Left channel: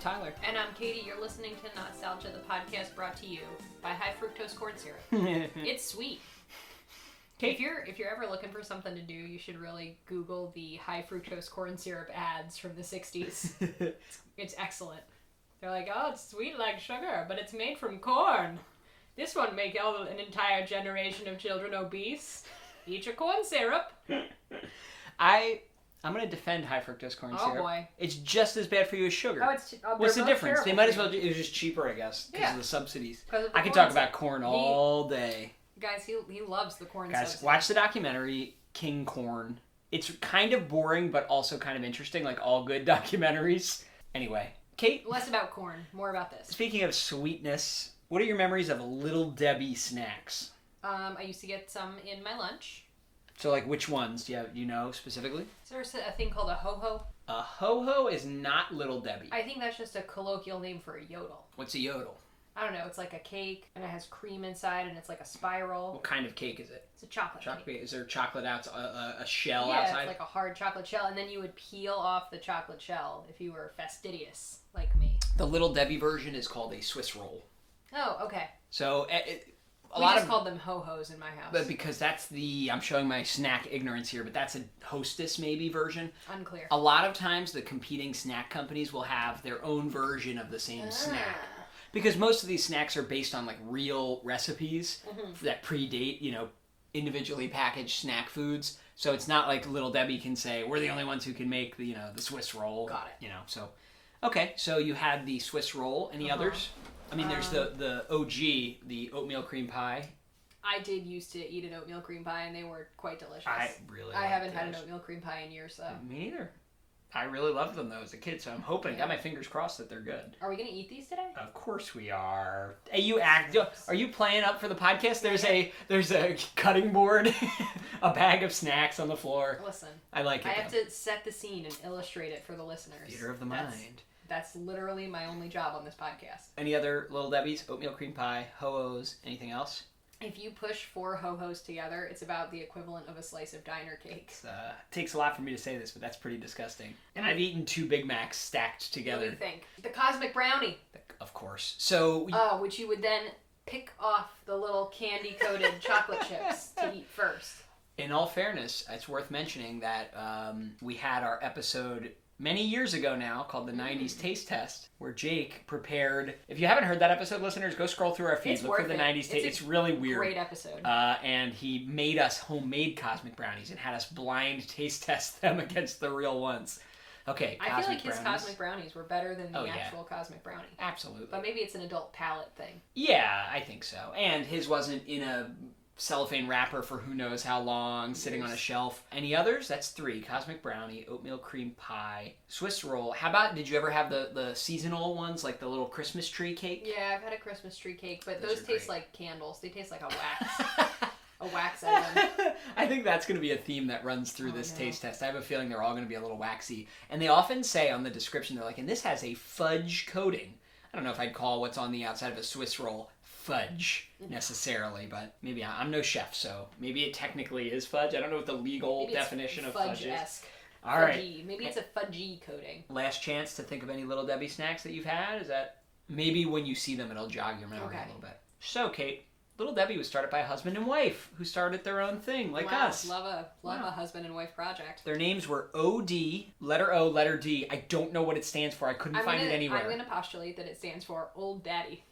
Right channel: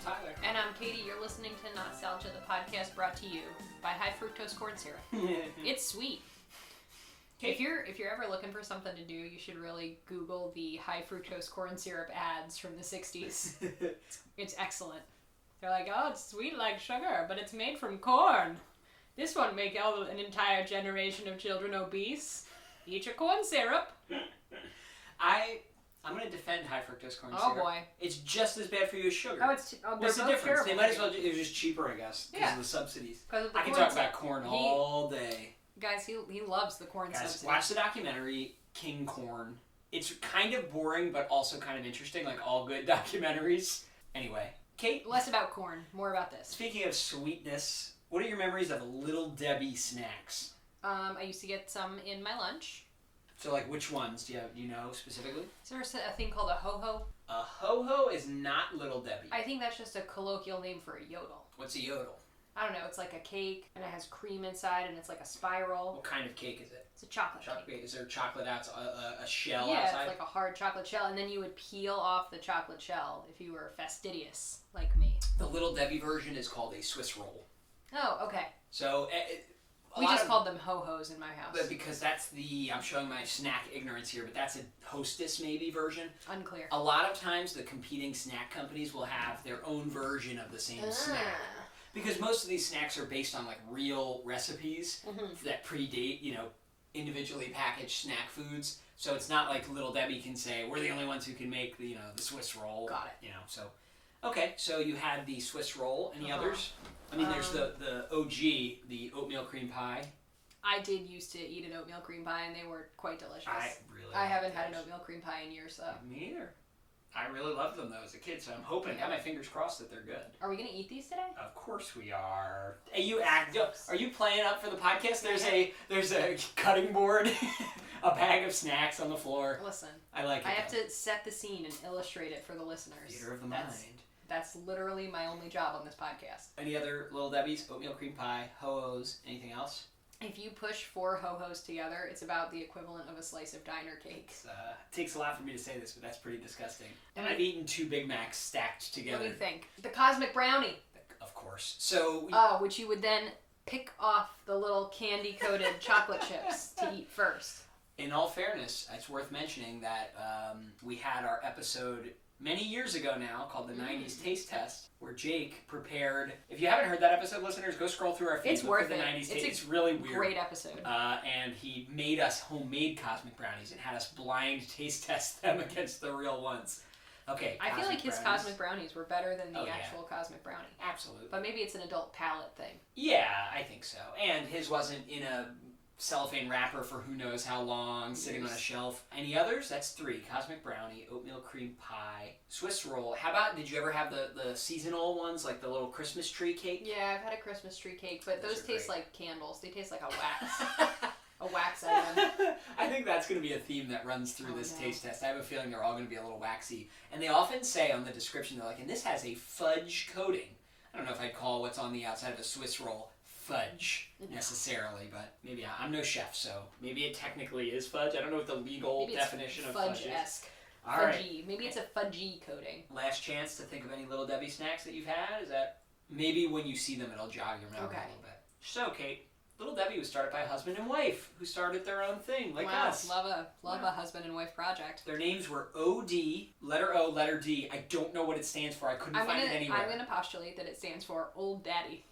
Tyler. And I'm Katie. You're listening to Not-Stalgia, the podcast brought to you by high fructose corn syrup. It's sweet. Kate. If you're ever looking for something to do, you should really Google the high fructose corn syrup ads from the 60s. It's excellent. They're like, oh, it's sweet like sugar, but it's made from corn. This won't make an entire generation of children obese. Eat your corn syrup. I'm going to defend high fructose corn syrup. Oh, boy. It's just as bad for you as sugar. What's the difference? They might as well. It was just cheaper, I guess, because of the subsidies. I could talk about corn all day. Guys, he loves the corn subsidies. Watch the documentary King Corn. It's kind of boring, but also kind of interesting, like all good documentaries. Anyway, Kate. Less about corn, more about this. Speaking of sweetness, what are your memories of Little Debbie snacks? I used to get some in my lunch. So, like, which ones? Do you know specifically? Is there a thing called a ho-ho? A ho-ho is not Little Debbie. I think that's just a colloquial name for a yodel. What's a yodel? I don't know. It's like a cake, and it has cream inside, and it's like a spiral. What kind of cake is it? It's a chocolate cake. Is there chocolate a shell outside? outside? Yeah, it's like a hard chocolate shell, and then you would peel off the chocolate shell if you were fastidious, like me. The Little Debbie version is called a Swiss roll. Oh, okay. So... We just called them ho-hos in my house. But because that's I'm showing my snack ignorance here, but that's a Hostess maybe version. Unclear. A lot of times the competing snack companies will have their own version of the same snack. Because most of these snacks are based on like real recipes that predate, individually packaged snack foods. So it's not like Little Debbie can say, we're the only ones who can make the Swiss roll. Got it. So. Okay, so you had the Swiss roll. Any others? I mean, there's the OG, the oatmeal cream pie. I did used to eat an oatmeal cream pie, and they were quite delicious. I haven't had an oatmeal cream pie in years, though. Me neither. I really loved them, though, as a kid, so I'm hoping. Got my fingers crossed that they're good. Are we going to eat these today? Of course we are. Hey, are you playing up for the podcast? There's a cutting board, a bag of snacks on the floor. Listen. I like it. I have to set the scene and illustrate it for the listeners. Theater of the mind. That's literally my only job on this podcast. Any other Little Debbie's, oatmeal cream pie, ho-hos, anything else? If you push 4 ho-hos together, it's about the equivalent of a slice of diner cake. It takes a lot for me to say this, but that's pretty disgusting. And I've eaten 2 Big Macs stacked together. What do you think? The Cosmic Brownie. Of course. So. Which you would then pick off the little candy-coated chocolate chips to eat first. In all fairness, it's worth mentioning that we had our episode many years ago now, called the 90s Taste Test, where Jake prepared... If you haven't heard that episode, listeners, go scroll through our feed. Look for the 90s Taste. It's really weird. Great episode. And he made us homemade Cosmic Brownies and had us blind taste test them against the real ones. Okay, I feel like his Cosmic Brownies were better than the actual Cosmic Brownie. Absolutely. But maybe it's an adult palate thing. Yeah, I think so. And his wasn't in a cellophane wrapper for who knows how long, sitting on a shelf. Any others? That's 3. Cosmic Brownie, oatmeal cream pie, Swiss roll. How about, did you ever have the seasonal ones, like the little Christmas tree cake? Yeah, I've had a Christmas tree cake, but those taste like candles. They taste like a wax. A wax item. I think that's going to be a theme that runs through this taste test. I have a feeling they're all going to be a little waxy. And they often say on the description, they're like, and this has a fudge coating. I don't know if I'd call what's on the outside of a Swiss roll fudge necessarily, but maybe I'm no chef, so maybe it technically is fudge. I don't know what the legal definition of fudge is. Fudge-esque. All right. Maybe it's a fudgy coating. Last chance to think of any Little Debbie snacks that you've had. Is that maybe when you see them, it'll jog your memory a little bit. So, Kate, Little Debbie was started by a husband and wife who started their own thing, like us. Love a husband and wife project. Their names were O.D., letter O, letter D. I don't know what it stands for. I couldn't find it anywhere. I'm going to postulate that it stands for Old Daddy.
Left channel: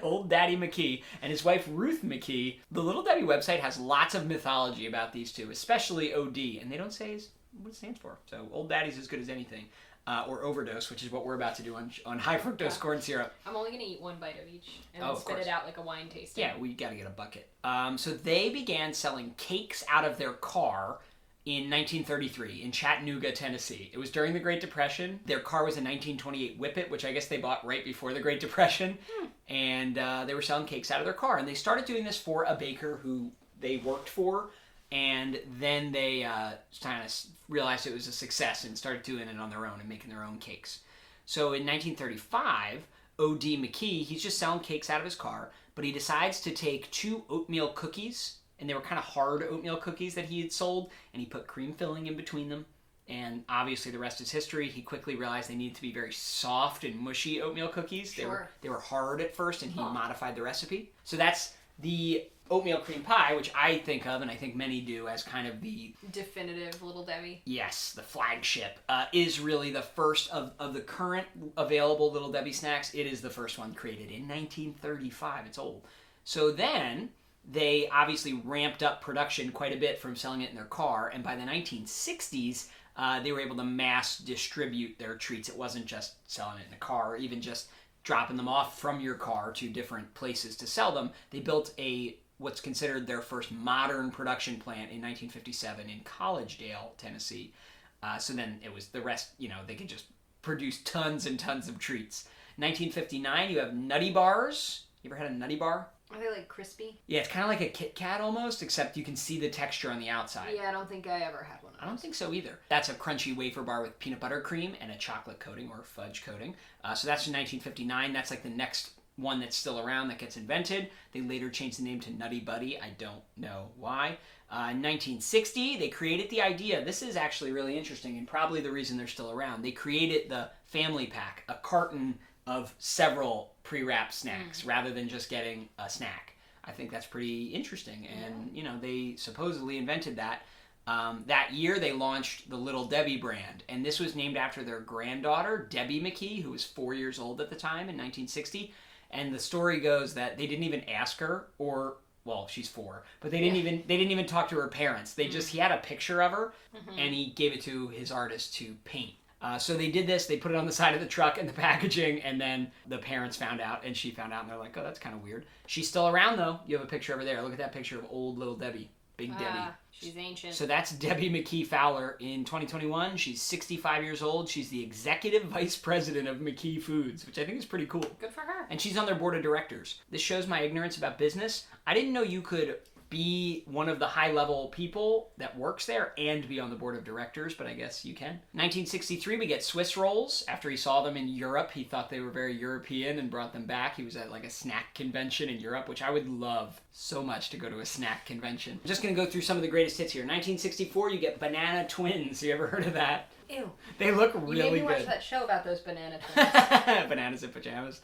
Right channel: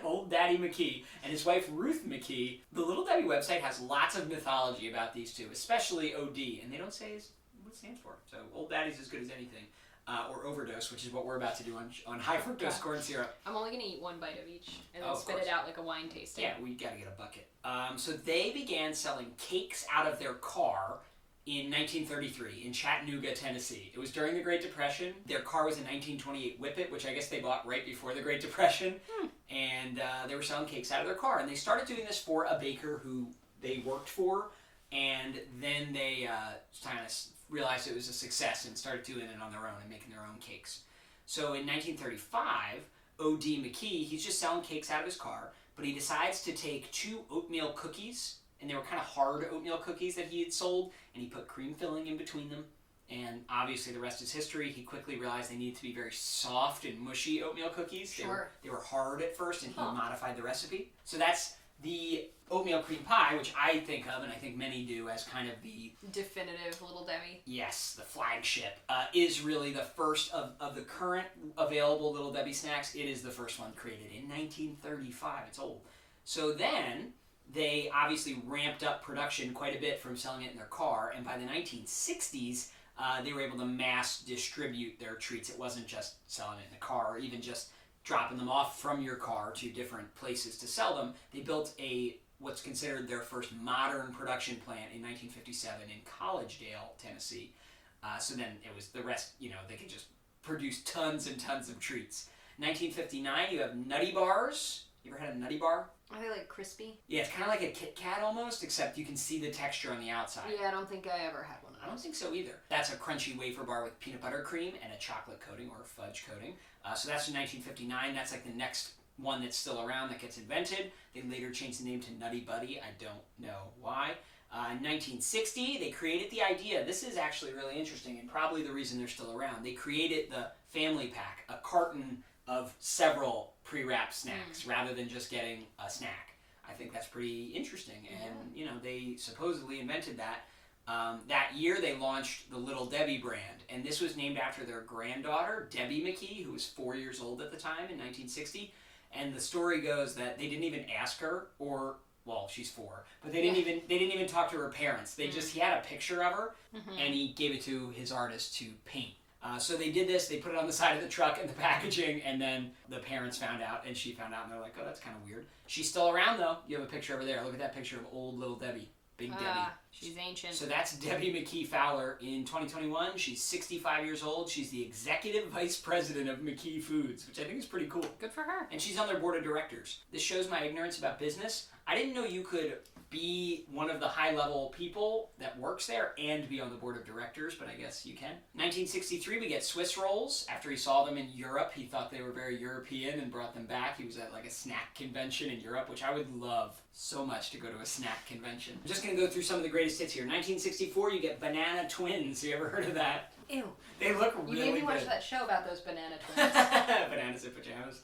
Old Daddy McKee and his wife Ruth McKee. The Little Debbie website has lots of mythology about these two, especially O.D., and they don't say what it stands for. So Old Daddy's as good as anything. Or overdose, which is what we're about to do on high fructose corn syrup. I'm only going to eat 1 bite of each and then spit it out like a wine tasting. Yeah, we got to get a bucket. So they began selling cakes out of their car in 1933 in Chattanooga, Tennessee. It was during the Great Depression. Their car was a 1928 Whippet, which I guess they bought right before the Great Depression. And they were selling cakes out of their car. And they started doing this for a baker who they worked for. And then they kind of realized it was a success and started doing it on their own and making their own cakes. So in 1935, O.D. McKee, he's just selling cakes out of his car, but he decides to take 2 oatmeal cookies, and they were kind of hard oatmeal cookies that he had sold, and he put cream filling in between them, And obviously the rest is history. He quickly realized they needed to be very soft and mushy oatmeal cookies. Sure. They were hard at first, and he modified the recipe. So that's the oatmeal cream pie, which I think of, and I think many do, as kind of the definitive Little Debbie. Yes, the flagship. Is really the first of the current available Little Debbie snacks. It is the first one created in 1935. It's old. So then they obviously ramped up production quite a bit from selling it in their car, and by the 1960s, they were able to mass distribute their treats. It wasn't just selling it in the car, or even just dropping them off from your car to different places to sell them. They built what's considered their first modern production plant in 1957 in Collegedale, Tennessee. So then it was the rest, they could just produce tons and tons of treats. 1959, you have Nutty Bars. You ever had a Nutty Bar? Are they like crispy? Yeah, it's kind of like a Kit Kat almost, except you can see the texture on the outside. Yeah, I don't think I ever had one of those. I don't think so either. That's a crunchy wafer bar with peanut butter cream and a chocolate coating or fudge coating. So that's in 1959. That's like the next one that's still around that gets invented. They later changed the name to Nutty Buddy. I don't know why. In 1960, they created the idea. This is actually really interesting and probably the reason they're still around. They created the family pack, a carton of several pre-wrapped snacks rather than just getting a snack. I think that's pretty interesting. And, they supposedly invented that. That year, they launched the Little Debbie brand. And this was named after their granddaughter, Debbie McKee, who was 4 years old at the time in 1960. And the story goes that they didn't even ask her, or, well, she's 4, but they didn't even talk to her parents. He had a picture of her, and he gave it to his artist to paint. So they did this, they put it on the side of the truck and the packaging, and then the parents found out, and she found out, and they're like, oh, that's kind of weird. She's still around, though. You have a picture over there. Look at that picture of old Little Debbie. Big Debbie. She's ancient. So that's Debbie McKee Fowler in 2021. She's 65 years old. She's the executive vice president of McKee Foods, which I think is pretty cool. Good for her. And she's on their board of directors. This shows my ignorance about business. I didn't know you could be one of the high-level people that works there and be on the board of directors, but I guess you can. 1963, we get Swiss rolls. After he saw them in Europe, he thought they were very European and brought them back. He was at like a snack convention in Europe, which I would love so much to go to a snack convention. I'm just going to go through some of the greatest hits here. 1964, you get Banana Twins. You ever heard of that? Ew. They look really good. You made me watch that show about those banana twins. Bananas in pajamas.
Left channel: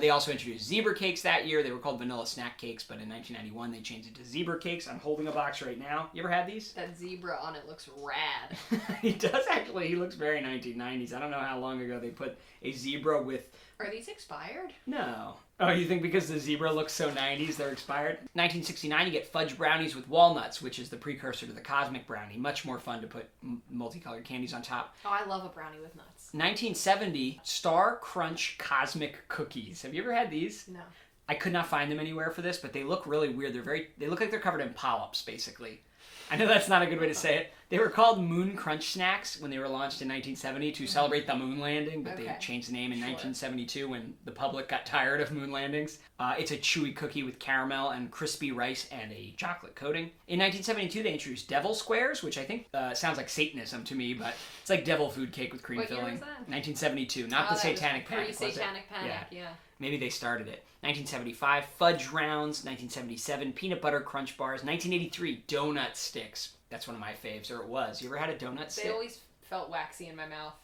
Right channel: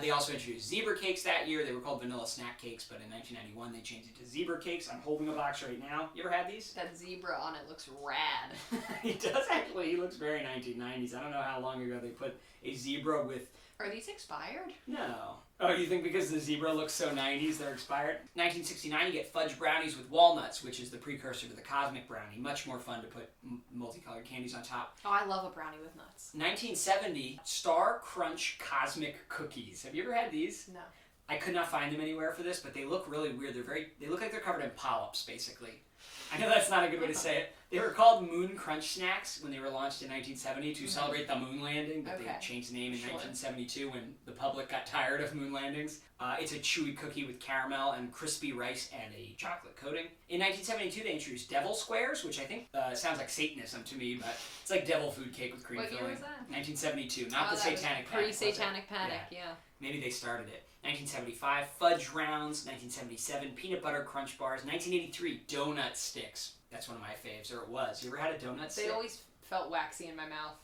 They also introduced zebra cakes that year. They were called vanilla snack cakes, but in 1991 they changed it to zebra cakes. I'm holding a box right now. You ever had these? That zebra on it looks rad. He does actually. He looks very 1990s. I don't know how long ago they put a zebra with... Are these expired? No. Oh, you think because the zebra looks so 90s they're expired? 1969, you get fudge brownies with walnuts, which is the precursor to the cosmic brownie. Much more fun to put multicolored candies on top. Oh, I love a brownie with nuts. 1970, Star Crunch Cosmic Cookies. Have you ever had these? No. I could not find them anywhere for this, but they look really weird. They look like they're covered in polyps, basically. I know that's not a good way to say it. They were called Moon Crunch Snacks when they were launched in 1970 to celebrate the moon landing, but they changed the name in 1972 when the public got tired of moon landings. It's a chewy cookie with caramel and crispy rice and a chocolate coating. In 1972, they introduced Devil Squares, which I think sounds like Satanism to me, but it's like devil food cake with cream filling. What year was that? 1972, not the Satanic Panic. Pre-Satanic Panic, yeah. Maybe they started it. 1975, Fudge Rounds. 1977, Peanut Butter Crunch Bars. 1983, Donut Sticks. That's one of my faves, or it was. You ever had a donut stick? They always felt waxy in my mouth.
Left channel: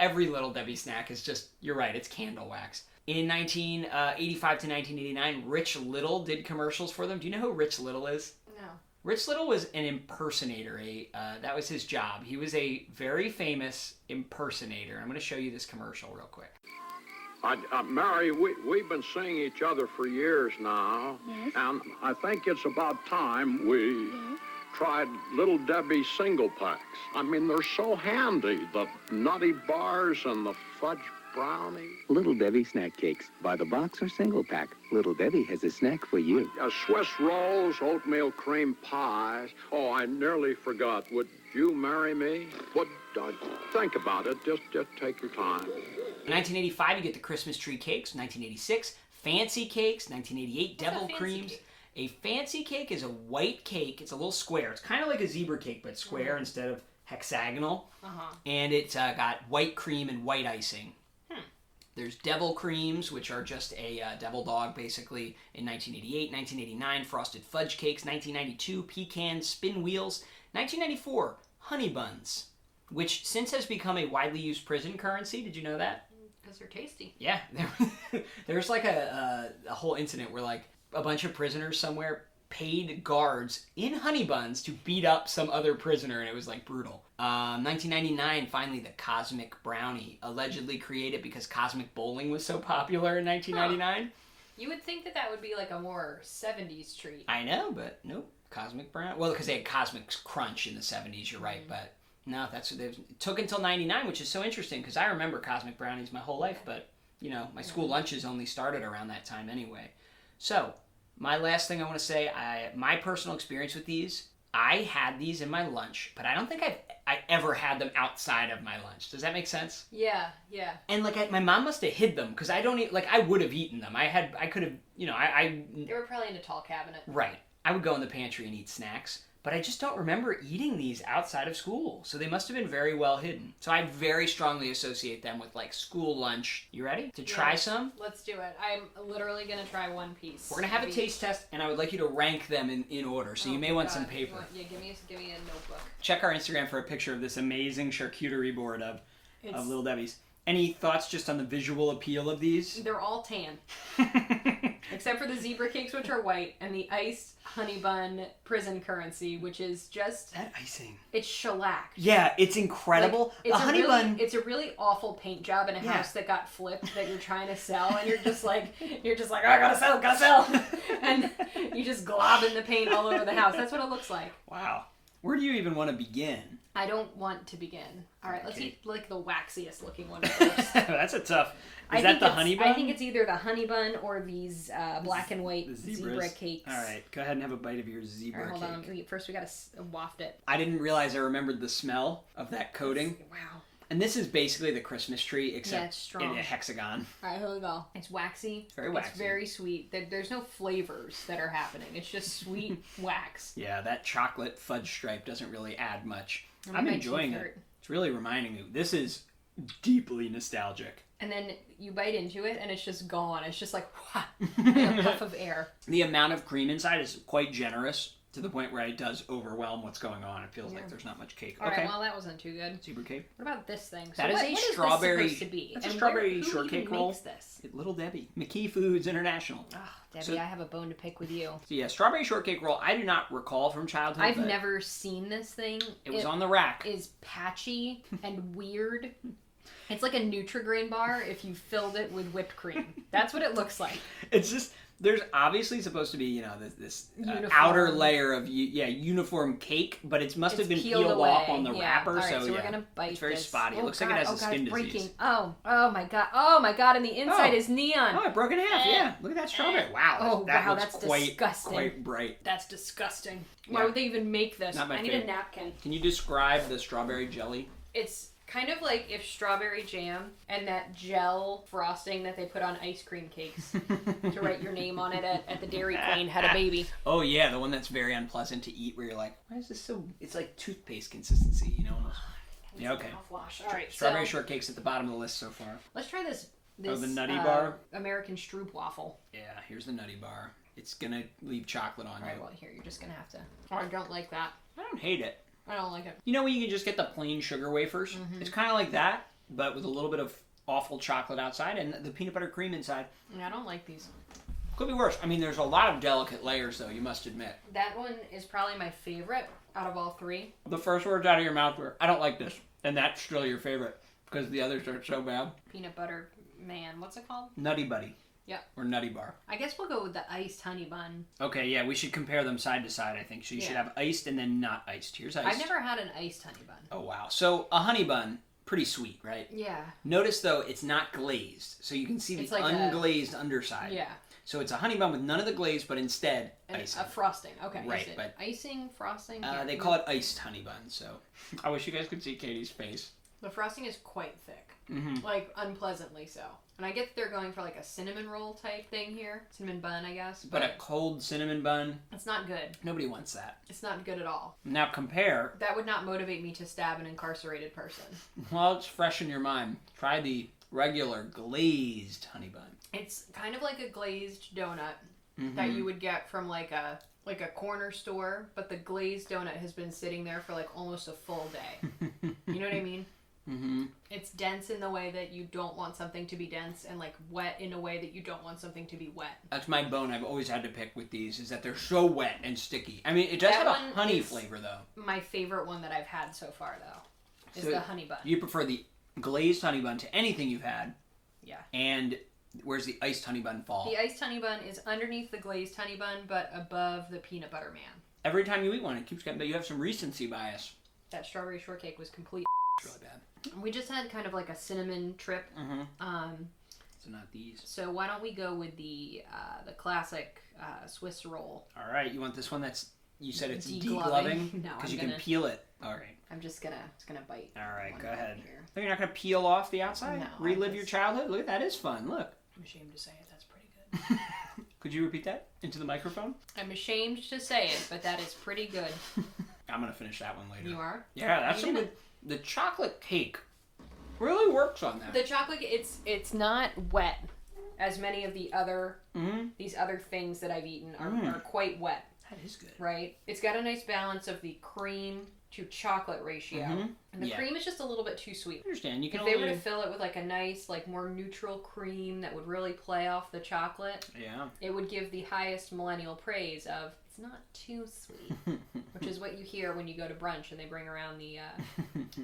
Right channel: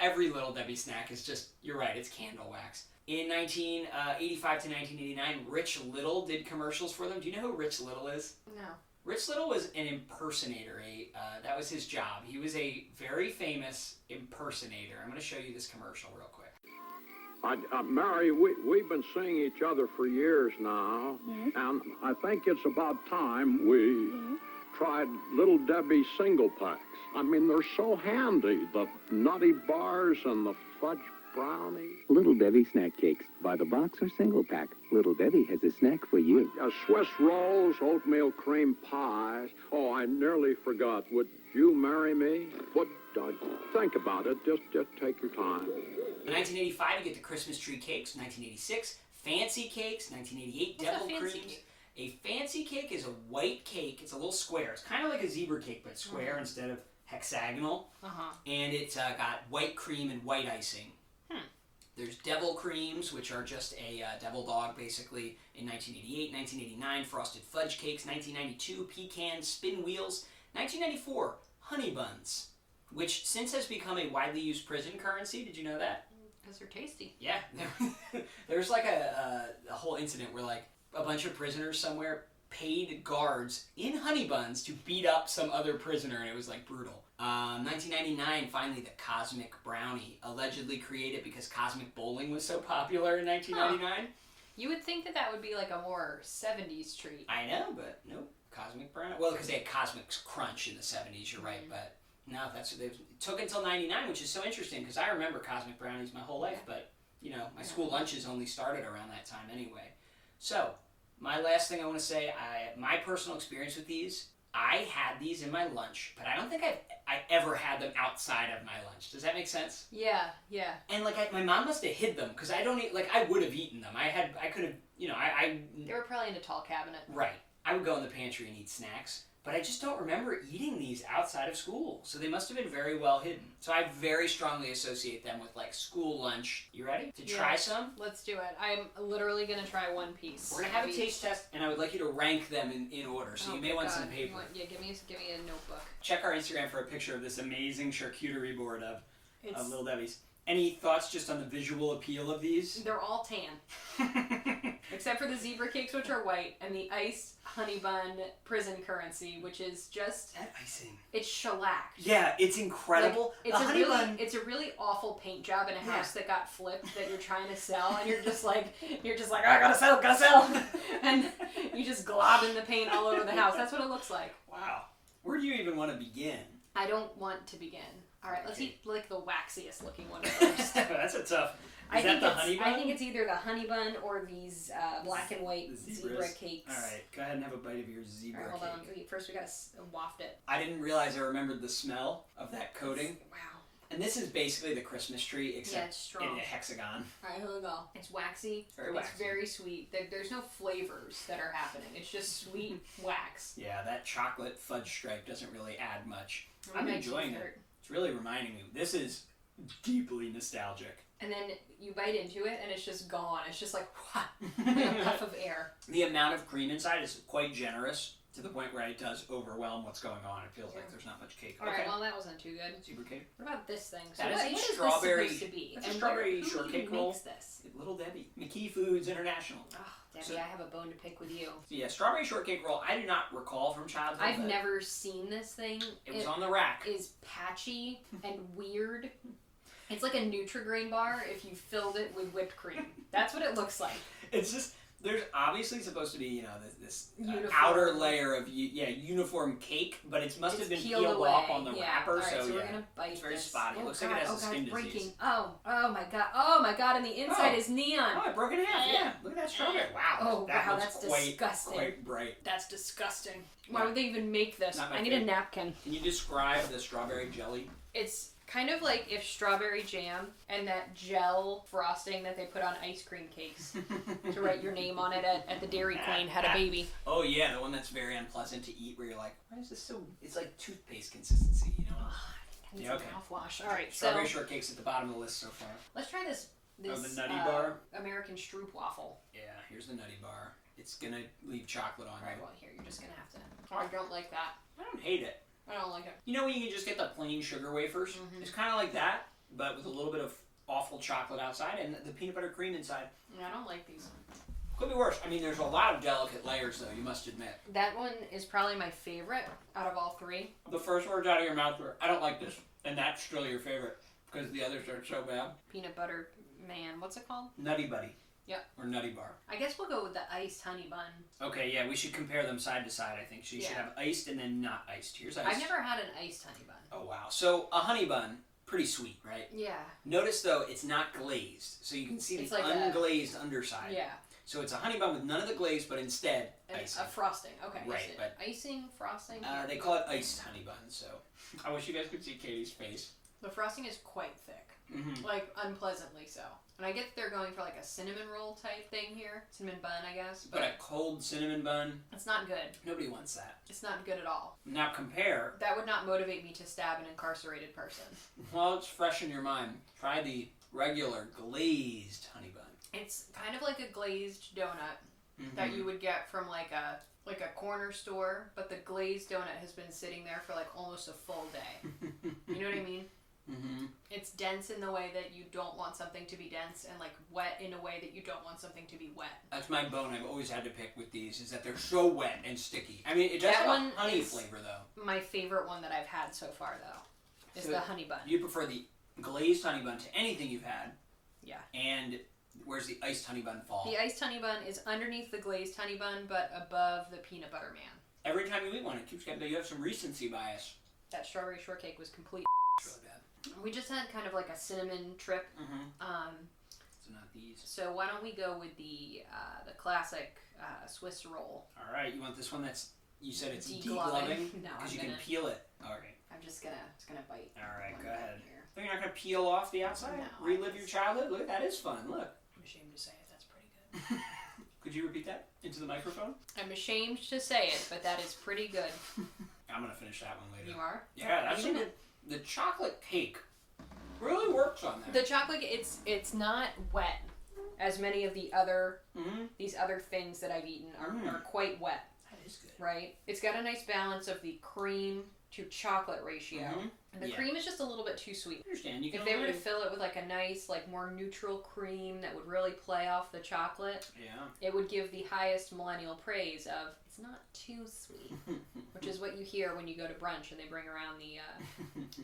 Every Little Debbie snack is just, you're right, it's candle wax. In 1985 to 1989, Rich Little did commercials for them. Do you know who Rich Little is? No. Rich Little was an impersonator. That was his job. He was a very famous impersonator. I'm going to show you this commercial real quick. Mary, we've been seeing each other for years now, and I think it's about time we tried Little Debbie single packs. I mean, they're so handy, the nutty bars and the fudge brownie. Little Debbie snack cakes. Buy the box or single pack. Little Debbie has a snack for you. Swiss rolls, oatmeal cream pies. Oh, I nearly forgot. Would you marry me? Think about it. Just take your time. In 1985, you get the Christmas tree cakes. 1986, fancy cakes. 1988, devil creams. Cake? A fancy cake is a white cake. It's a little square. It's kind of like a zebra cake, but square instead of hexagonal. And it's got white cream and white icing. There's devil creams, which are just a devil dog, basically, in 1988. 1989, frosted fudge cakes. 1992, pecan spin wheels. 1994, honey buns. which since has become a widely used prison currency. Did you know that? Because they're tasty. Yeah. There's like a whole incident where like a bunch of prisoners somewhere paid guards in honey buns to beat up some other prisoner, and it was like brutal. 1999, finally, the Cosmic Brownie, allegedly created because Cosmic Bowling was so popular in 1999. You would think that would be like a more 70s treat. I know, but nope. Cosmic Brownie. Well, because they had Cosmic Crunch in the 70s, you're right, but no, that's what it took until 99, which is so interesting because I remember Cosmic Brownies my whole life, but you know, my school lunches only started around that time anyway. So, my last thing I want to say, my personal experience with these, I had these in my lunch, but I don't think I ever had them outside of my lunch. Does that make sense? Yeah, yeah. And like my mom must have hid them because I don't eat, like I would have eaten them. I could have, you know, They were probably in a tall cabinet. Right. I would go in the pantry and eat snacks, but I just don't remember eating these outside of school. So they must have been very well hidden. So I very strongly associate them with like school lunch. You ready to try some? Let's do it. I'm literally going to try one piece. We're going to have a taste test, and I would like you to rank them in order. So you may want some paper. Give me a notebook. Check our Instagram for a picture of this amazing charcuterie board of Little Debbie's. Any thoughts just on the visual appeal of these? They're all tan. Except for the zebra cakes, which are white, and the iced honey bun prison currency, which is just... That icing. It's shellac. Yeah, it's incredible. Like, it's a honey bun... It's a really awful paint job in a house that got flipped that you're trying to sell, and you're just like, oh, I gotta sell. And you just globing the paint all over the house. That's what it looks like. Wow. Where do you even want to begin? I don't want to begin. All right, let's eat like the waxiest looking one first. That's a tough... Is that the honey bun? I think it's either the honey bun or these black and white zebra cakes. All right, go ahead and have a bite of your zebra cake. Hold on. First, we gotta waft it. I didn't realize I remembered the smell of that coating. Wow. And this is basically the Christmas tree, except it's strong. in a hexagon. All right, here we go. It's waxy. Very waxy. It's very sweet. There's no flavors that are happening. It's just sweet wax. Yeah, that chocolate fudge stripe doesn't really add much. I'm enjoying it. It's really reminding me. This is deeply nostalgic. And then you bite into it, and it's just gone. It's just like a puff of air. The amount of cream inside is quite generous to the point where it does overwhelm what's going on. It feels like there's not much cake. All right, well, that wasn't too good. Zebra cake. What about this thing? So what is strawberry. This supposed to be? That's a strawberry shortcake roll. Who makes this? Little Debbie. McKee Foods International. Oh, Debbie, I have a bone to pick with you. So yeah, strawberry shortcake roll. I do not recall from childhood. I've never seen this thing. It was on the rack. It is patchy and weird. It's like a Nutri-Grain bar if you filled it with whipped cream. That's what it looks like. It's just, there's obviously supposed to be, you know, this outer layer of, uniform cake, but it must have been peeled off on the wrapper. All right, so we're going to bite it's very this. spotty. It looks like it has a skin disease. Oh my God. And the inside is neon. Oh, it broke in half, yeah. Look at that strawberry. Wow. That's disgusting. Quite bright. That's disgusting. Why would they even make this? I need a napkin. Can you describe the strawberry jelly? It's kind of like if strawberry jam and that gel frosting that they put on ice cream cakes to write your name on it at the Dairy Queen had a baby. Oh yeah, the one that's very unpleasant to eat where you're like, why is this so... It's like toothpaste consistency, you know? Yeah, okay. Mouthwash. All right, strawberry shortcake's at the bottom of the list so far. Let's try this the Nutty Bar? American Stroop waffle. Yeah, here's the Nutty Bar. It's gonna leave chocolate on you. All right, well, here, you're just gonna have to... Oh, I don't like that. I don't hate it. I don't like it. You know when you can just get the plain sugar wafers? Mm-hmm. It's kind of like that, but with a little bit of awful chocolate outside and the peanut butter cream inside. Yeah, I don't like these. Could be worse. I mean, there's a lot of delicate layers, though, you must admit. That one is probably my favorite out of all three. The first words out of your mouth were, I don't like this. And that's still your favorite, because the others are so bad. Peanut butter man. What's it called? Nutty Buddy. Yep. Or Nutty Bar. I guess we'll go with the iced honey bun. Okay, yeah, we should compare them side to side, I think. So you should have iced and then not iced. Here's iced. I've never had an iced honey bun. Oh, wow. So a honey bun, pretty sweet, right? Yeah. Notice, though, it's not glazed. So you can see the unglazed underside. Yeah. So it's a honey bun with none of the glaze, but instead icing. A frosting. Okay. Right, but icing, frosting? They call it iced honey bun, so... I wish you guys could see Katie's face. The frosting is quite thick. Mm-hmm. Like, unpleasantly so. And I get they're going for like a cinnamon roll type thing here. Cinnamon bun, I guess. But a cold cinnamon bun... It's not good. Nobody wants that. It's not good at all. Now compare... That would not motivate me to stab an incarcerated person. Well, it's fresh in your mind. Try the regular glazed honey bun. It's kind of like a glazed donut that you would get from like a corner store, but the glazed donut has been sitting there for like almost a full day. You know what I mean? Mm-hmm. It's dense in the way that you don't want something to be dense, and like wet in a way that you don't want something to be wet. That's my bone I've always had to pick with these, is that they're so wet and sticky. I mean, it does have a honey flavor, though. My favorite one that I've had so far, though, is So the honey bun. You prefer the glazed honey bun to anything you've had. Yeah. And where's the iced honey bun fall? The iced honey bun is underneath the glazed honey bun, but above the peanut butter man. Every time you eat one, it keeps getting... You have some recency bias. That strawberry shortcake was complete. It's really bad. We just had kind of like a cinnamon trip. Mm-hmm. So not these. So why don't we go with the classic Swiss roll? All right. You want this one that's... You said it's Degloving? degloving? No, Because you can peel it. All right. I'm just gonna bite. All right, one go right ahead. here. So you're not going to peel off the outside? No, Relive your childhood? Look, that is fun. Look. I'm ashamed to say it. That's pretty good. Could you repeat that into the microphone? I'm ashamed to say it, but that is pretty good. I'm going to finish that one later. You are? Yeah, that's some good... The chocolate cake really works on that. The chocolate, it's not wet, as many of the other these other things that I've eaten are quite wet. That is good. Right? It's got a nice balance of the cream to chocolate ratio. And the cream is just a little bit too sweet. I understand. You can if they were to fill it with like a nice, like more neutral cream that would really play off the chocolate, it would give the highest millennial praise of it's not too sweet, which is what you hear when you go to brunch and they bring around the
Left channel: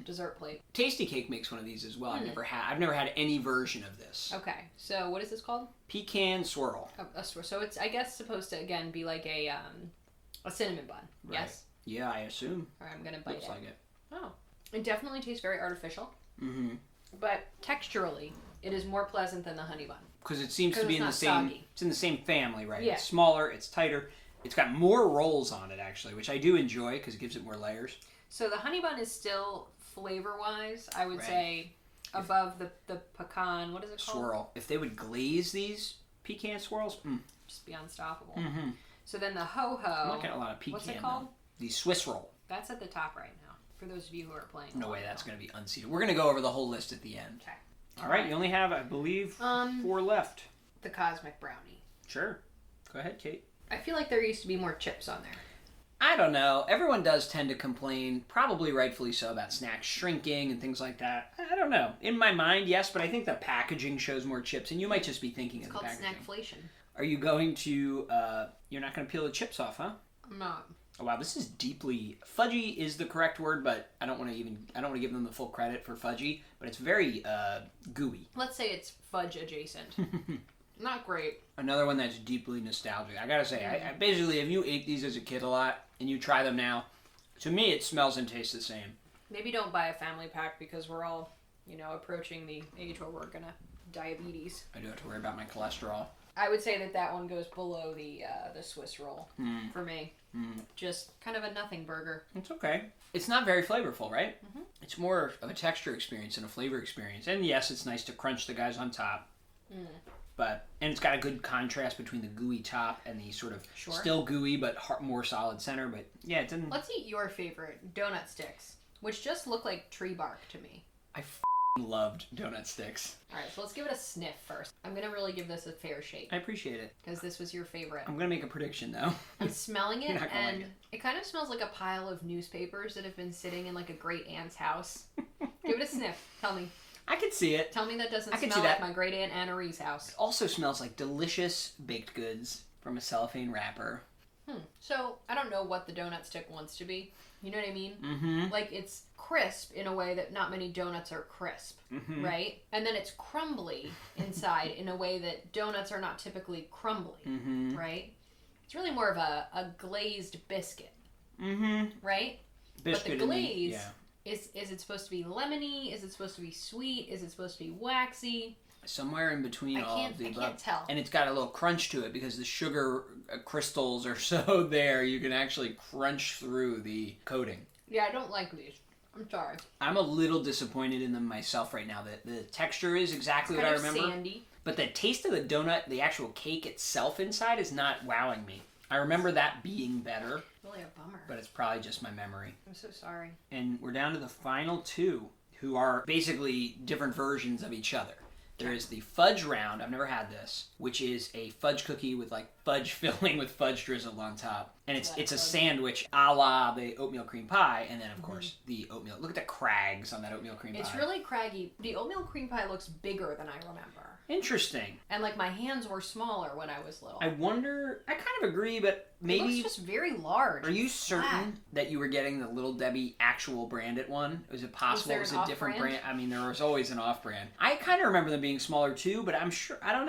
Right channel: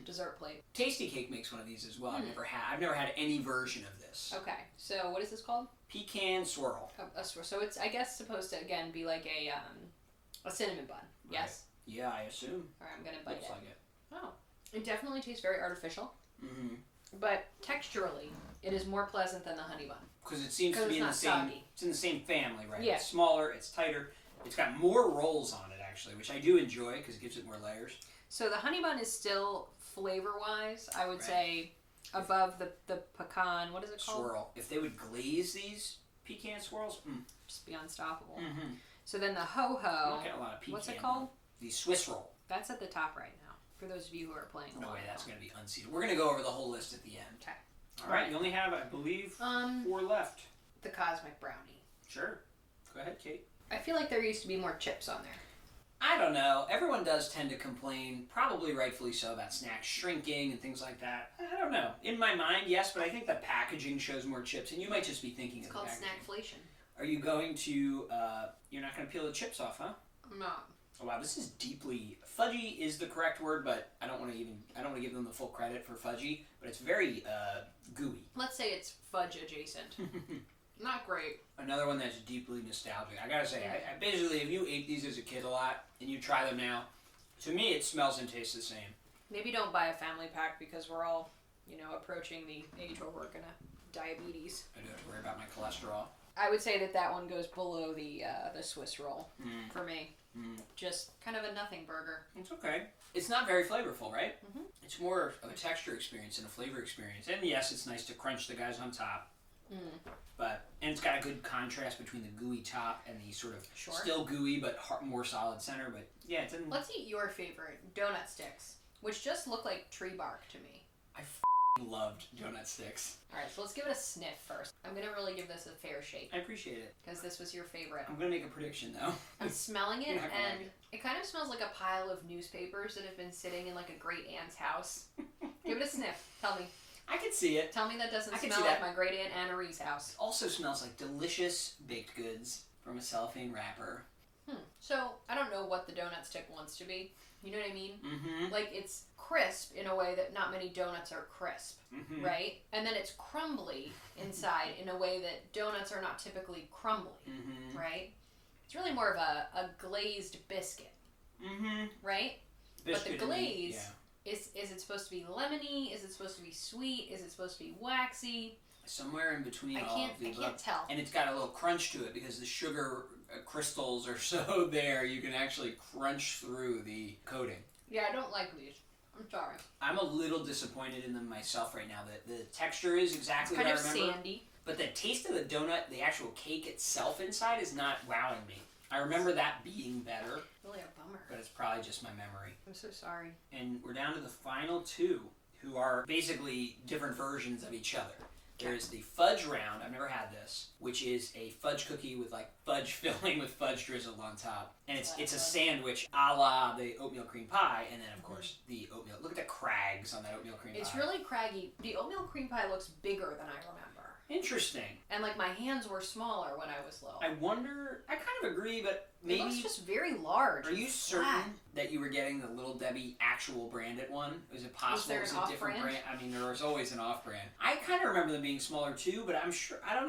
dessert plate. Tasty Cake makes one of these as well. I've never had any version of this. Okay, so what is this called? Pecan swirl. A swirl. So it's, I guess, supposed to again be like a cinnamon bun. Right. Yes. Yeah, I assume. All right, I'm gonna bite Looks like it. Oh, it definitely tastes very artificial. Mm-hmm. But texturally, it is more pleasant than the honey bun. Because it seems to be in the same. Soggy. It's in the same family, right? Yeah. It's smaller. It's tighter. It's got more rolls on it actually, which I do enjoy because it gives it more layers. So the honey bun is still flavor-wise, I would say, above the pecan. What is it called? Swirl. If they would glaze these pecan swirls, just be unstoppable. Mm-hmm. So then the ho-ho. I'm not getting a lot of pecan. What's it called? The Swiss roll. That's at the top right now. For those of you who are playing. No way, that's going to be unseated. We're going to go over the whole list at the end. Okay. All right, you only have, I believe, 4 left. The Cosmic Brownie. Sure. Go ahead, Kate. I feel like there used to be more chips on there. I don't know. Everyone does tend to complain, probably rightfully so, about snacks shrinking and things like that. I don't know. In my mind, yes, but I think the packaging shows more chips, and you might just be thinking of the packaging. It's called snackflation. Are you going to, you're not going to peel the chips off, huh? I'm not. Oh, wow, this is deeply, fudgy is the correct word, but I don't want to give them the full credit for fudgy, but it's very gooey. Let's say it's fudge adjacent. Not great. Another one that's deeply nostalgic. I gotta say, I basically, if you ate these as a kid a lot and you try them now, to me it smells and tastes the same. Maybe don't buy a family pack because we're all, approaching the age where we're gonna diabetes. I do have to worry about my cholesterol. I would say that one goes below the Swiss roll for me. Just kind of a nothing burger. It's okay. It's not very flavorful, right? It's more of a texture experience than a flavor experience. And yes, it's nice to crunch the guys on top. And it's got a good contrast between the gooey top and the sort of still gooey but more solid center. But yeah, it didn't... Let's eat your favorite, donut sticks, which just look like tree bark to me. I loved donut sticks. All right, so let's give it a sniff first. I'm going to really give this a fair shake. I appreciate it. Because this was your favorite. I'm going to make a prediction, though. I'm smelling it, and like it kind of smells like a pile of newspapers that have been sitting in like a great aunt's house. Give it a sniff. Tell me. I could see it. Tell me that doesn't smell like my great aunt Anna Ree's house. It also smells like delicious baked goods from a cellophane wrapper. So, I don't know what the donut stick wants to be. You know what I mean? Mm-hmm. Like, it's crisp in a way that not many donuts are crisp, right? And then it's crumbly inside in a way that donuts are not typically crumbly, right? It's really more of a glazed biscuit, right? Biscuit, but the glaze... Is it supposed to be lemony? Is it supposed to be sweet? Is it supposed to be waxy? Somewhere in between all of the above. I can't tell. And it's got a little crunch to it because the sugar crystals are so there you can actually crunch through the coating. Yeah, I don't like these. I'm sorry. I'm a little disappointed in them myself right now. The texture is exactly what I remember. It's kind of sandy. But the taste of the donut, the actual cake itself inside, is not wowing me. I remember that being better. Really a bummer. But it's probably just my memory. I'm so sorry. And we're down to the final two, who are basically different versions of each other. There is the fudge round. I've never had this, which is a fudge cookie with like fudge filling with fudge drizzled on top, and it's a sandwich a la the oatmeal cream pie, and then of course the oatmeal. Look at the crags on that oatmeal cream pie. It's really craggy. The oatmeal cream pie looks bigger than I remember. Interesting. And like my hands were smaller when I was little. I wonder. I kind of agree, but maybe it looks just very large. Are you certain that you were getting the Little Debbie actual branded one? Was it possible? Was it a different brand? I mean, there was always an off-brand. I kind of remember them being smaller too, but I'm sure I don't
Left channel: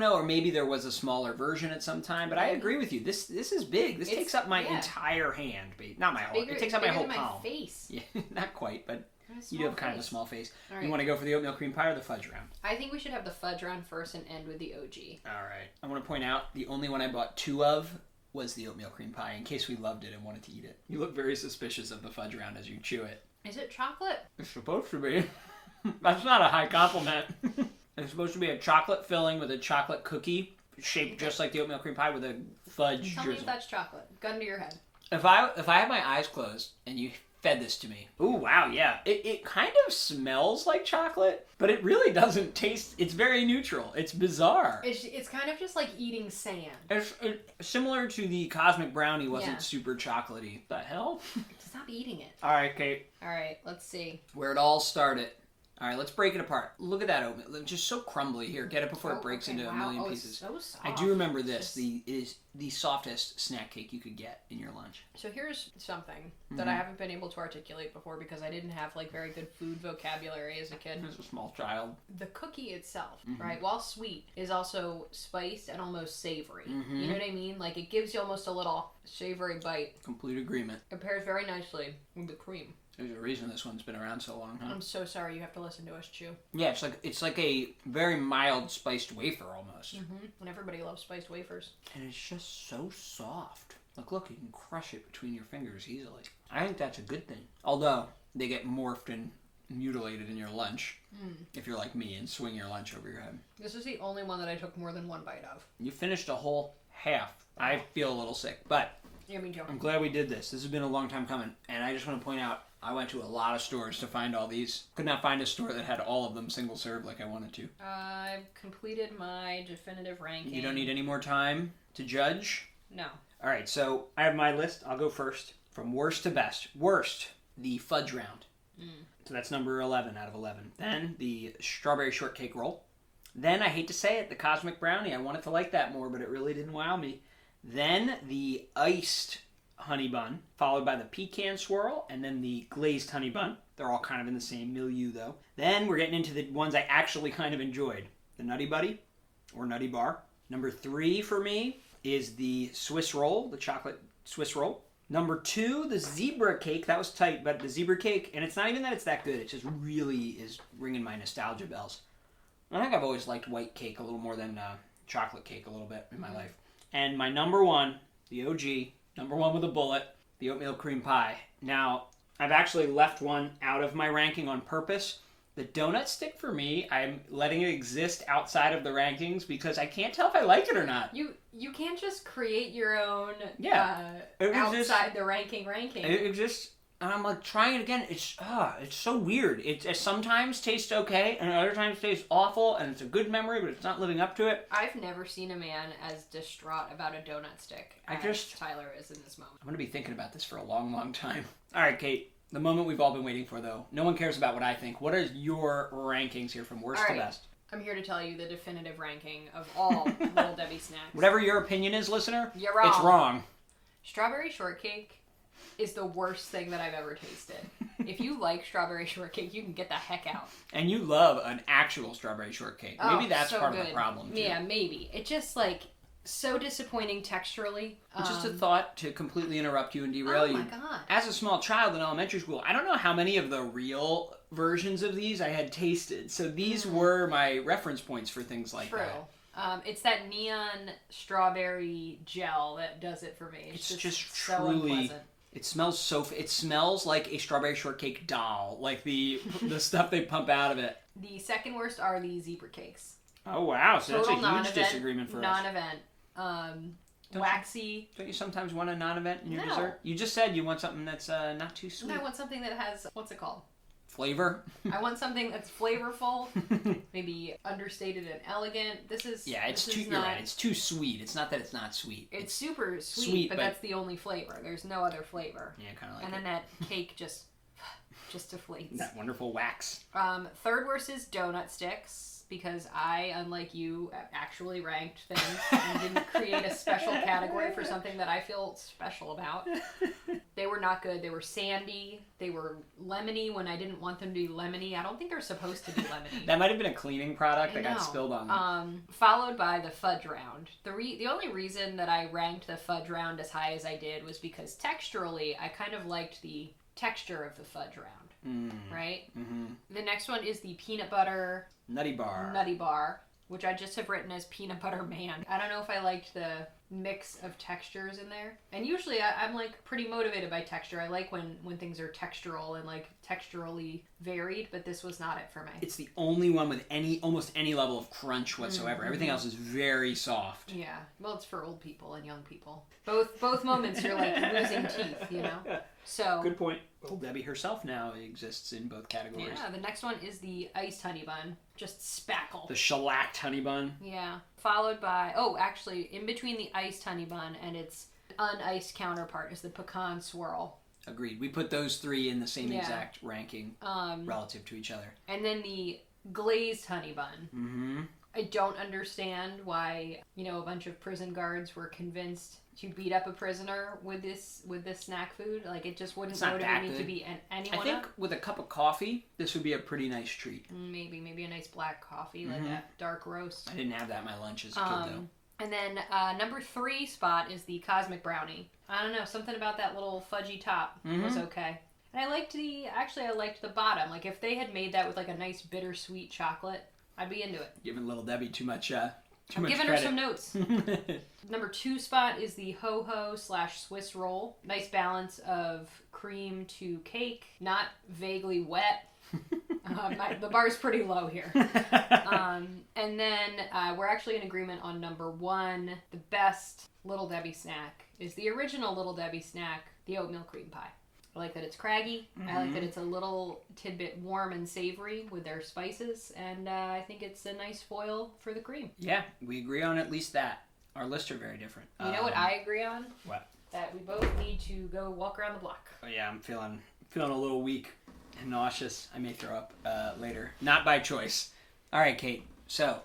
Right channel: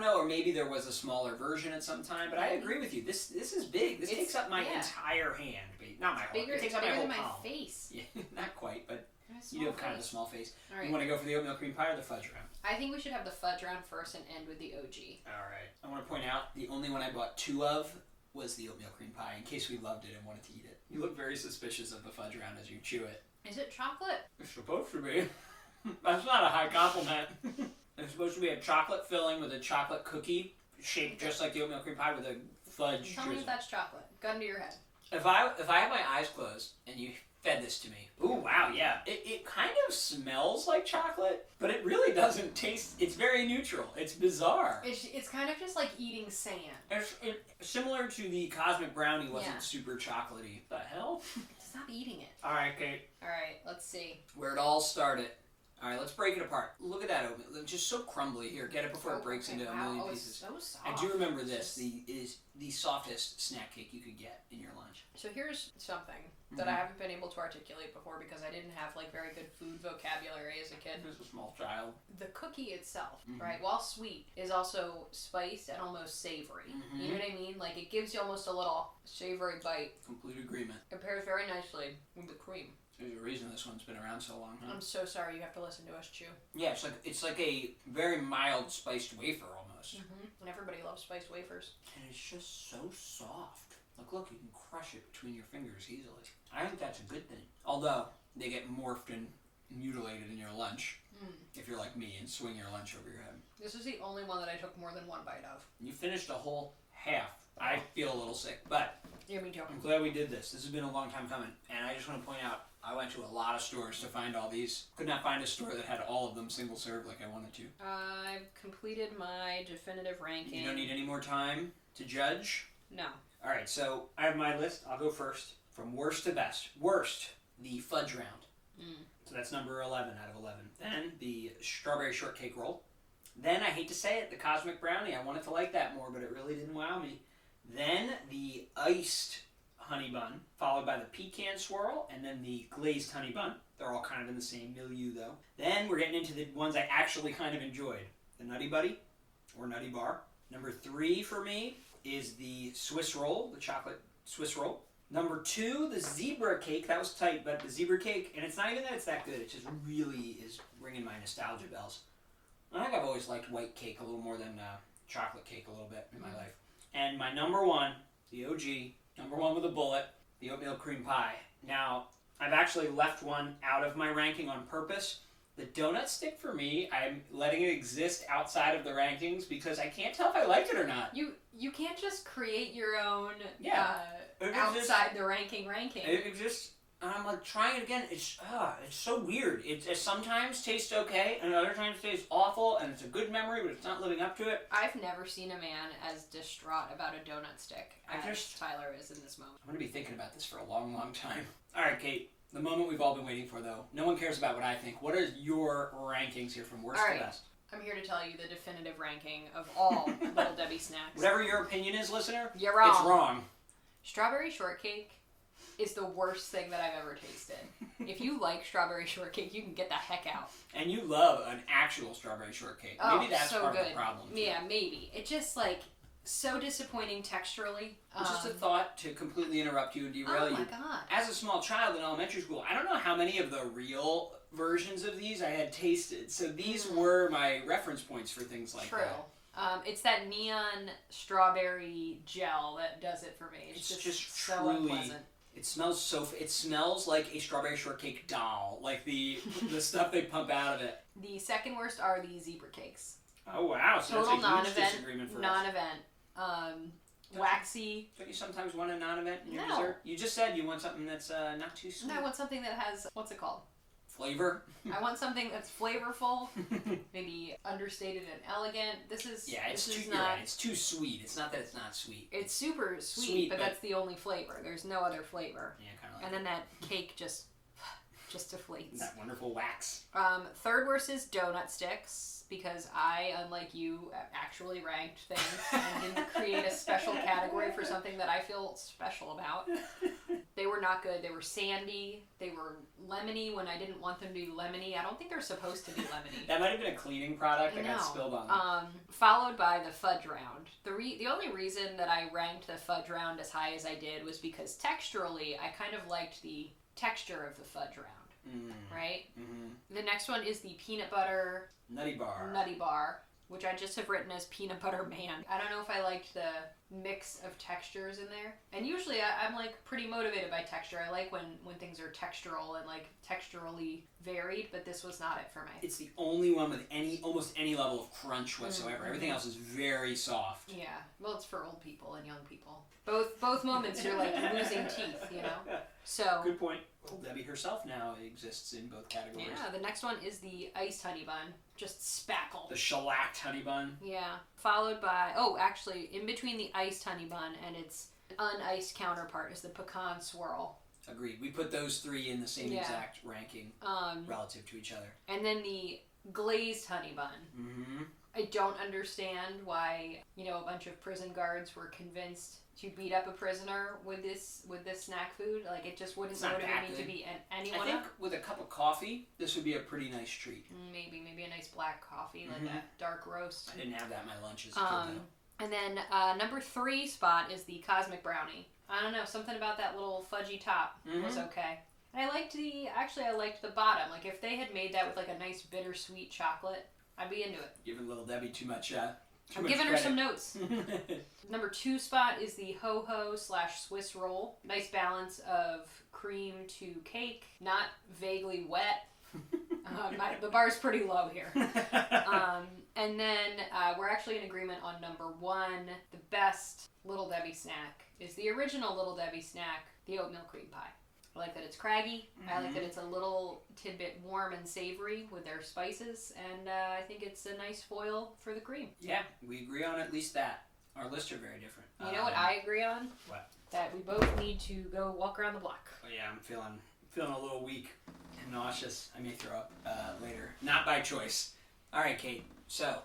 know, or maybe there was a smaller version at some time. But I agree with you. This is big. This takes up my entire hand, not my whole. It takes up my whole palm. My face. Yeah, not quite, but. You do have kind of a small face. Right. You want to go for the oatmeal cream pie or the fudge round? I think we should have the fudge round first and end with the OG. All right. I want to point out the only one I bought 2 of was the oatmeal cream pie in case we loved it and wanted to eat it. You look very suspicious of the fudge round as you chew it. Is it chocolate? It's supposed to be. That's not a high compliment. It's supposed to be a chocolate filling with a chocolate cookie shaped just like the oatmeal cream pie with a fudge Tell me if that's chocolate. Gun to your head. If I have my eyes closed and you fed this to me. Ooh, wow, yeah. It kind of smells like chocolate, but it really doesn't taste. It's very neutral. It's bizarre. It's kind of just like eating sand. It's similar to the Cosmic Brownie wasn't super chocolatey. The hell? Stop eating it. All right, Kate. All right, let's see. Where it all started. All right, let's break it apart. Look at that oatmeal. It's just so crumbly. Here, get it before it breaks into a million pieces. It's so soft. I do remember this. It is the softest snack cake you could get in your lunch. So here's something that I haven't been able to articulate before because I didn't have like very good food vocabulary as a kid. As a small child. The cookie itself, right, while sweet, is also spiced and almost savory. You know what I mean? Like it gives you almost a little savory bite. Complete agreement. It pairs very nicely with the cream. There's a reason this one's been around so long, huh? I'm so sorry you have to listen to us chew. Yeah, it's like a very mild spiced wafer almost. And everybody loves spiced wafers. And it's just so soft. Look, you can crush it between your fingers easily. I think that's a good thing. Although, they get morphed and mutilated in your lunch. If you're like me and swing your lunch over your head. This is the only one that I took more than one bite of. You finished a whole half. I feel a little sick, but... Yeah, me too. I'm glad we did this. This has been a long time coming. And I just want to point out, I went to a lot of stores to find all these. Could not find a store that had all of them single serve like I wanted to. I've completed my definitive ranking. You don't need any more time to judge? No. All right, so I have my list. I'll go first. From worst to best. Worst, the fudge round. So that's number 11 out of 11. Then the strawberry shortcake roll. Then, I hate to say it, the Cosmic Brownie. I wanted to like that more, but it really didn't wow me. Then the iced honey bun, followed by the pecan swirl, and then the glazed honey bun. They're all kind of in the same milieu, though. Then we're getting into the ones I actually kind of enjoyed. The Nutty Buddy, or Nutty Bar. Number 3 for me is the Swiss roll, the chocolate Swiss roll. Number 2, the zebra cake. That was tight, but the zebra cake, and it's not even that it's that good. It just really is ringing my nostalgia bells. I think I've always liked white cake a little more than chocolate cake a little bit in my life. And my number 1, the OG, number 1 with a bullet, the oatmeal cream pie. Now, I've actually left one out of my ranking on purpose. The donut stick for me, I'm letting it exist outside of the rankings because I can't tell if I like it or not. You can't just create your own outside the ranking. It exists. And I'm like trying it again. It's so weird. It sometimes tastes okay, and other times tastes awful, and it's a good memory, but it's not living up to it. I've never seen a man as distraught about a donut stick as Tyler is in this moment. I'm gonna be thinking about this for a long, long time. All right, Kate. The moment we've all been waiting for, though. No one cares about what I think. What are your rankings here from worst to best? I'm here to tell you the definitive ranking of all Little Debbie snacks. Whatever your opinion is, listener, you're wrong. It's wrong. Strawberry shortcake is the worst thing that I've ever tasted. If you like strawberry shortcake, you can get the heck out. And you love an actual strawberry shortcake. Maybe that's so part good. of the problem, too. Yeah, maybe. It just, so disappointing texturally. Just a thought to completely interrupt you and derail you. Oh, my God. As a small child in elementary school, I don't know how many of the real versions of these I had tasted. So these were my reference points for things like that. True. It's that neon strawberry gel that does it for me. It's just so unpleasant. It smells like a strawberry shortcake doll, like the stuff they pump out of it. The second worst are the zebra cakes. Oh wow! So total that's a huge disagreement for us. Non-event. Waxy. Don't you sometimes want a non-event in your dessert? You just said you want something that's not too sweet. No, I want something that has what's it called? flavor. I want something that's flavorful, maybe understated and elegant. You're not, right. It's too sweet. It's not that it's not sweet. It's super sweet, but that's the only flavor. There's no other flavor. Yeah, kind of like and then that cake just deflates. That wonderful wax. Third worst is donut sticks. Because I, unlike you, actually ranked things and didn't create a special category for something that I feel special about. They were not good. They were sandy. They were lemony when I didn't want them to be lemony. I don't think they're supposed to be lemony. That might have been a cleaning product that got spilled on them. Followed by the fudge round. The only reason that I ranked the fudge round as high as I did was because texturally, I kind of liked the texture of the fudge round. Right? Mm-hmm. The next one is the peanut butter Nutty bar, which I just have written as peanut butter man. I don't know if I liked the mix of textures in there. And usually I'm like pretty motivated by texture. I like when things are textural and like texturally varied, but this was not it for me. It's the only one with almost any level of crunch whatsoever. Mm-hmm. Everything else is very soft. Yeah. Well, it's for old people and young people. Both moments you're like losing teeth, you know? So good point. Well, Debbie herself now exists in both categories. Yeah, the next one is the iced honey bun. Just spackle. The shellacked honey bun. Yeah. Followed by, actually, in between the iced honey bun and its uniced counterpart is the pecan swirl. Agreed. We put those three in the same exact ranking relative to each other. And then the glazed honey bun. Mm-hmm. I don't understand why, a bunch of prison guards were convinced to beat up a prisoner with this snack food. Like, it just wouldn't motivate me to beat anyone I think with a cup of coffee, this would be a pretty nice treat. Maybe a nice black coffee, like a dark roast. I didn't have that in my lunch as a kid, though. And then number 3 spot is the cosmic brownie. I don't know, something about that little fudgy top was okay. And I liked the bottom. Like, if they had made that with like a nice bittersweet chocolate, I'd be into it. Giving little Debbie too much I'm giving her some notes. Number 2 spot is the ho-ho/Swiss roll. Nice balance of cream to cake, not vaguely wet. The bar's pretty low here. And then we're actually in agreement on number 1. The best Little Debbie snack is the original Little Debbie snack, the oatmeal cream pie. I like that it's craggy. I like that it's a little tidbit warm and savory with their spices. And I think it's a nice foil for the cream. Yeah, we agree on at least that. Our lists are very different. You know what I agree on? What? That we both need to go walk around the block. Oh, yeah, I'm feeling a little weak and nauseous. I may throw up later. Not by choice. All right, Kate. So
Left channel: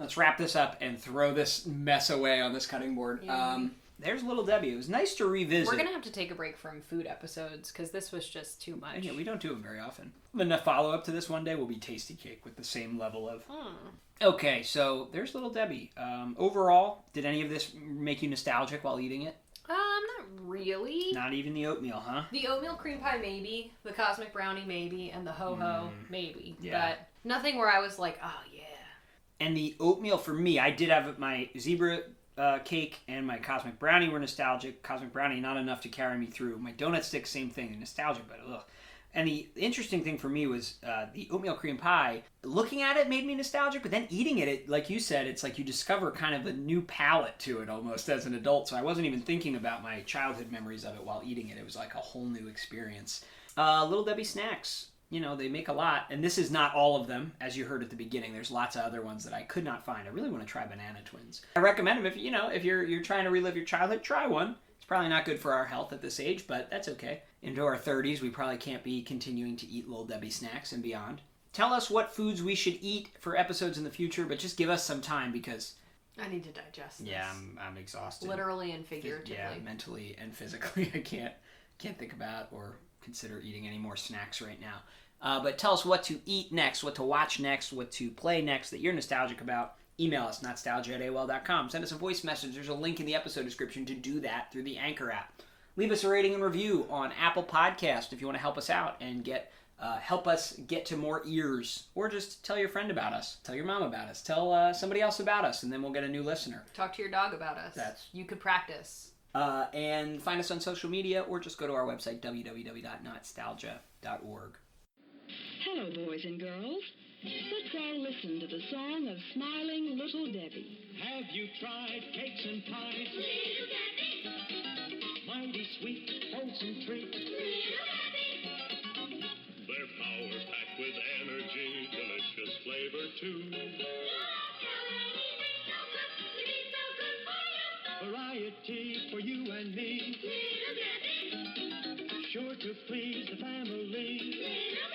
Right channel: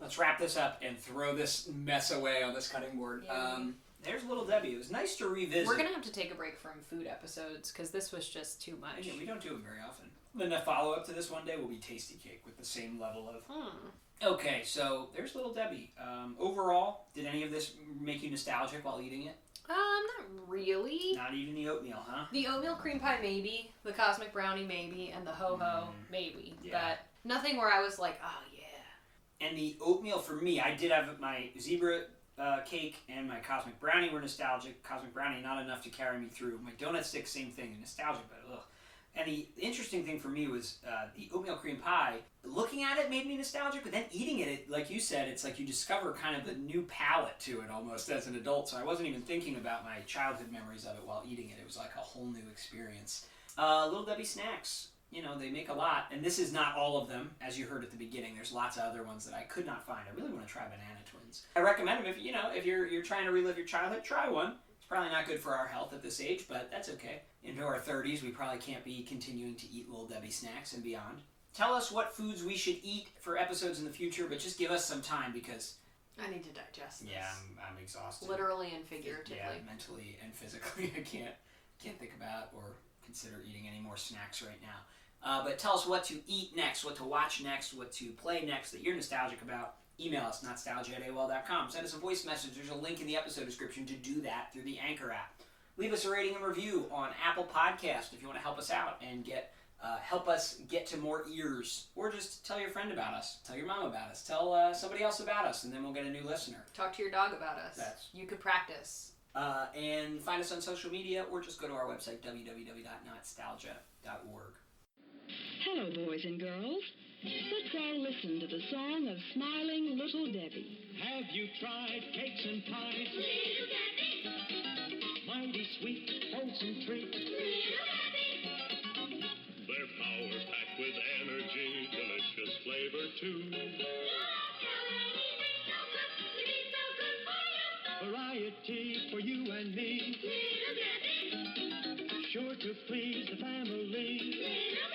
let's wrap this up and throw this mess away on this cutting board. Yeah. There's Little Debbie. It was nice to revisit. We're going to have to take a break from food episodes because this was just too much. Yeah, we don't do them very often. Then the follow-up to this one day will be Tasty Cake with the same level of... Okay, so there's Little Debbie. Overall, did any of this make you nostalgic while eating it? Not really. Not even the oatmeal, huh? The oatmeal cream pie, maybe. The cosmic brownie, maybe. And the ho-ho, maybe. Yeah. But nothing where I was like, oh, yeah. And the oatmeal, for me, I did have my zebra... cake and my cosmic brownie were nostalgic. Cosmic brownie, not enough to carry me through. My donut stick, same thing, nostalgic, but ugh. And the interesting thing for me was the oatmeal cream pie. Looking at it made me nostalgic, but then eating it, like you said, it's like you discover kind of a new palate to it almost as an adult. So I wasn't even thinking about my childhood memories of it while eating it. It was like a whole new experience. Little Debbie snacks. They make a lot, and this is not all of them, as you heard at the beginning. There's lots of other ones that I could not find. I really want to try Banana Twins. I recommend them if you're trying to relive your childhood, try one. It's probably not good for our health at this age, but that's okay. Into our 30s, we probably can't be continuing to eat Little Debbie snacks and beyond. Tell us what foods we should eat for episodes in the future, but just give us some time because... I need to digest this. Yeah, I'm exhausted. Literally and figuratively. Yeah, mentally and physically. I can't think about or consider eating any more snacks right now. But tell us what to eat next, what to watch next, what to play next that you're nostalgic about. Email us, Not-Stalgia@AOL.com. Send us a voice message. There's a link in the episode description to do that through the Anchor app. Leave us a rating and review on Apple Podcast if you want to help us out and help us get to more ears. Or just tell your friend about us. Tell your mom about us. Tell somebody else about us, and then we'll get a new listener. Talk to your dog about us. You could practice. And find us on social media, or just go to our website, www.notstalgia.org. Hello, boys and girls. Let's all listen to the song of smiling Little Debbie. Have you tried cakes and pies? Little Debbie. Mighty sweet, wholesome treat. Little Debbie. They're power packed with energy, delicious flavor too. Variety for you and me. Sure to please the family.